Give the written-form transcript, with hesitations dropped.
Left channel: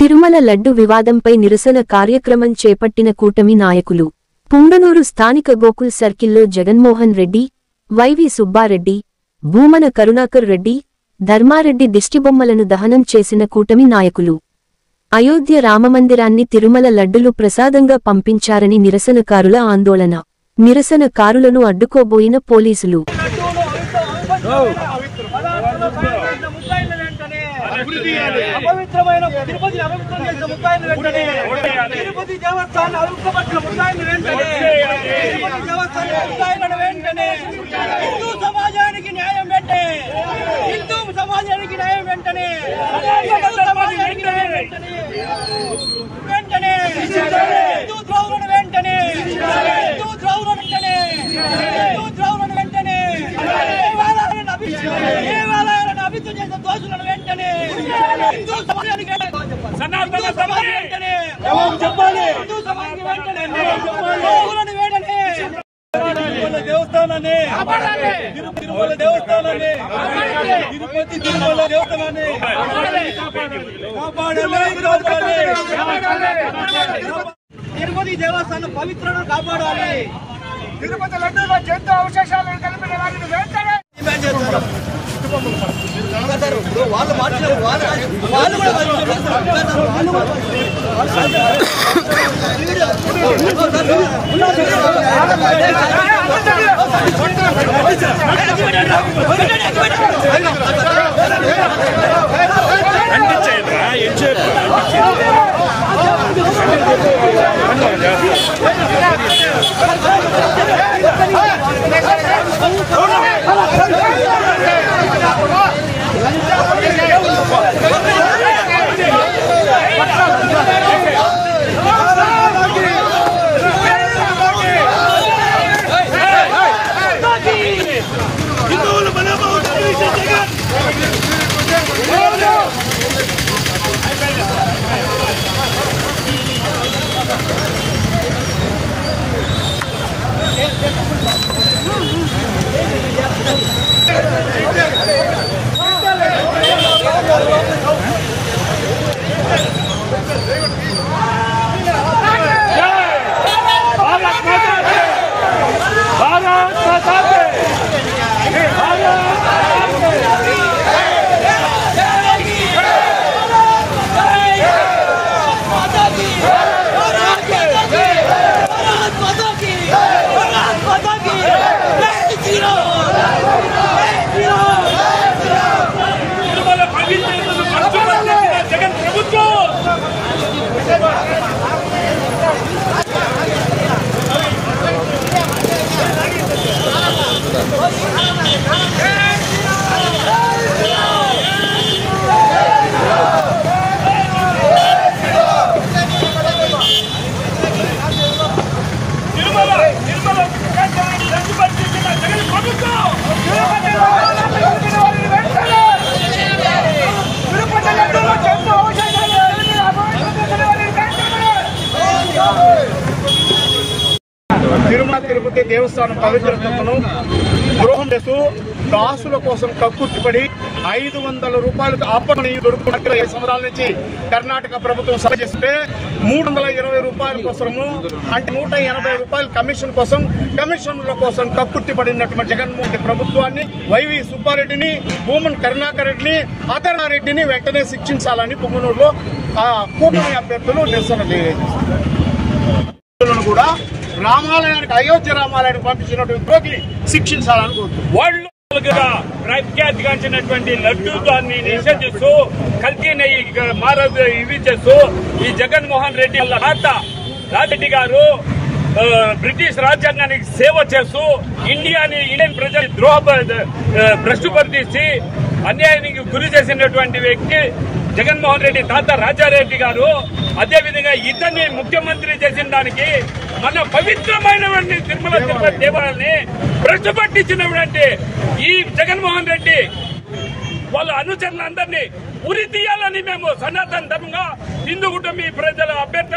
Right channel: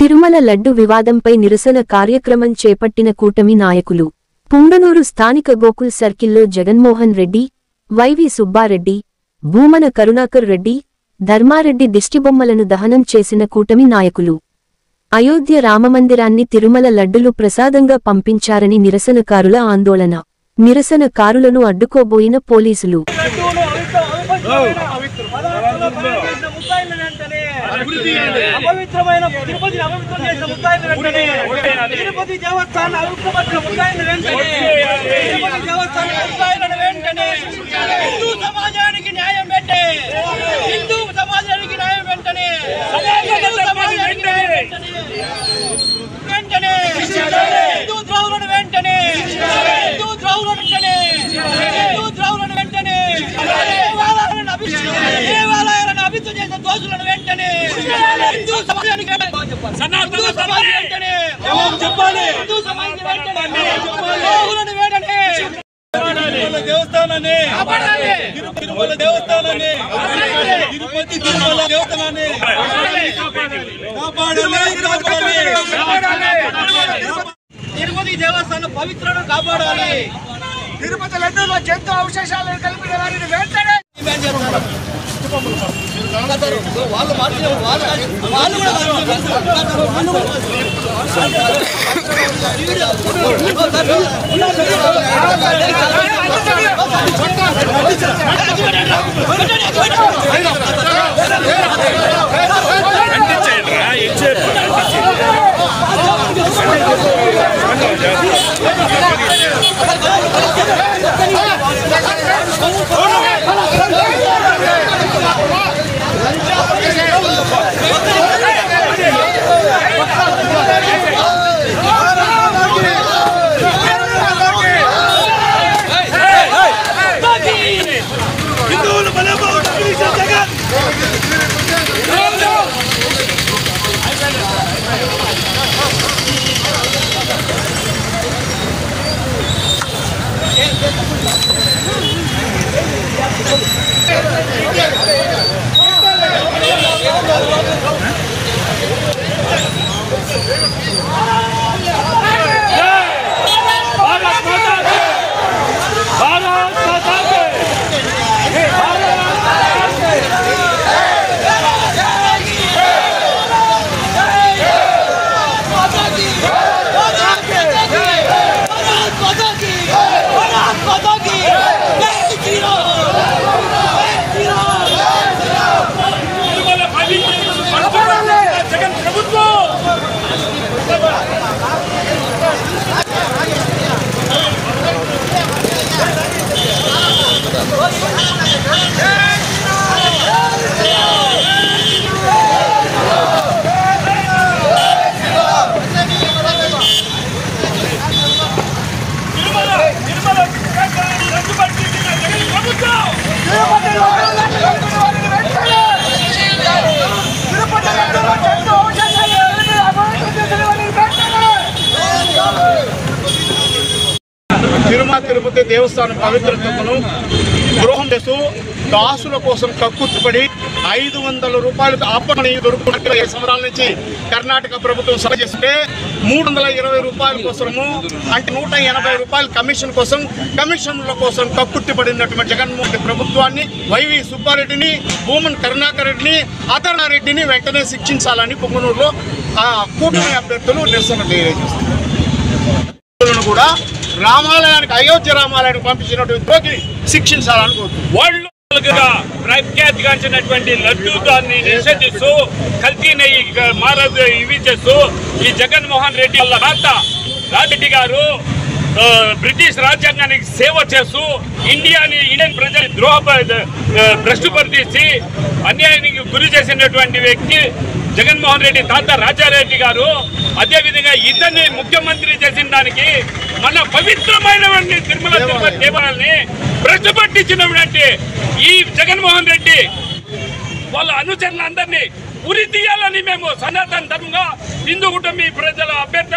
తిరుమల లడ్డు వివాదంపై నిరసన కార్యక్రమం చేపట్టిన కూటమి నాయకులు. పుంగనూరు స్థానిక గోకుల్ సర్కిల్లో జగన్మోహన్ రెడ్డి, వైవి సుబ్బారెడ్డి, భూమన కరుణాకర్ రెడ్డి, ధర్మారెడ్డి దిష్టిబొమ్మలను దహనం చేసిన కూటమి నాయకులు. అయోధ్య రామమందిరాన్ని తిరుమల లడ్డులు ప్రసాదంగా పంపించారని నిరసనకారుల ఆందోళన. నిరసనకారులను అడ్డుకోబోయిన పోలీసులు. దేవస్థానాన్ని తిరుమల దేవస్థానాన్ని తిరుపతి తిరుమల దేవస్థానాన్ని తిరుపతి దేవస్థానం పవిత్రను కాపాడాలి. తిరుపతి లడ్డూలో జంతు అవశేషాలను కలిపిన వారిని వెంటనే డిమాండ్ చేస్తారు. వాళ్ళు మార్చిన వాళ్ళు తిరుపతి దేవస్థానం పవిత్రతను ద్రోహం చేస్తూ దాసుల కోసం కక్కుర్తిపడి 500 రూపాయలకు ఆపమని దొరుకుతున్న 7 సంవత్సరాల నుంచి కర్ణాటక ప్రభుత్వం సభ చేస్తే 320 రూపాయల కోసము అంటే 180 రూపాయల కమిషన్ కోసం కమిషన్ల కోసం కక్కుర్తిపడినటువంటి జగన్మోహన్ రెడ్డి ప్రభుత్వాన్ని, వైవి సుబ్బారెడ్డిని, భూమన కరుణాకర్ రెడ్డిని, ధర్మారెడ్డిని వెంటనే శిక్షించాలని పుంగనూరులో కూటమి అభ్యర్థులు నిరసన తెలియజేస్తున్నారు. కూడా రామాలయానికి అయోధ్య రామాలయానికి పంపించినటువంటి ద్రోహిని శిక్షించాలని కోరుతున్నారు. వాళ్ళు ప్రఖ్యాతిగాంచినటువంటి లడ్డూ దాన్ని నిషేధిస్తూ కల్తీ నెయ్యి మారదు ఇవి చేస్తూ ఈ జగన్మోహన్ రెడ్డి వాళ్ళ రాజరెడ్డి గారు బ్రిటిష్ రాజ్యాంగానికి సేవ చేస్తూ ఇండియన్ ప్రజల భ్రష్టుపరిచి అన్యాయానికి గురి చేసినటువంటి వ్యక్తి జగన్మోహన్ రెడ్డి తాత రాజారెడ్డి గారు. అదేవిధంగా ఇతన్ని ముఖ్యమంత్రి చేసిన దానికి మన పవిత్రమైనటువంటి తిరుమల తిరుపతి దేవాలయాన్ని భ్రష్టుపట్టించినటువంటి ఈ జగన్మోహన్ రెడ్డి వాళ్ళ అనుచరులందరినీ ఉరి తీయాలని మేము సనాతన ధర్మంగా హిందూ కుటుంబీ ప్రజల అభ్యర్థి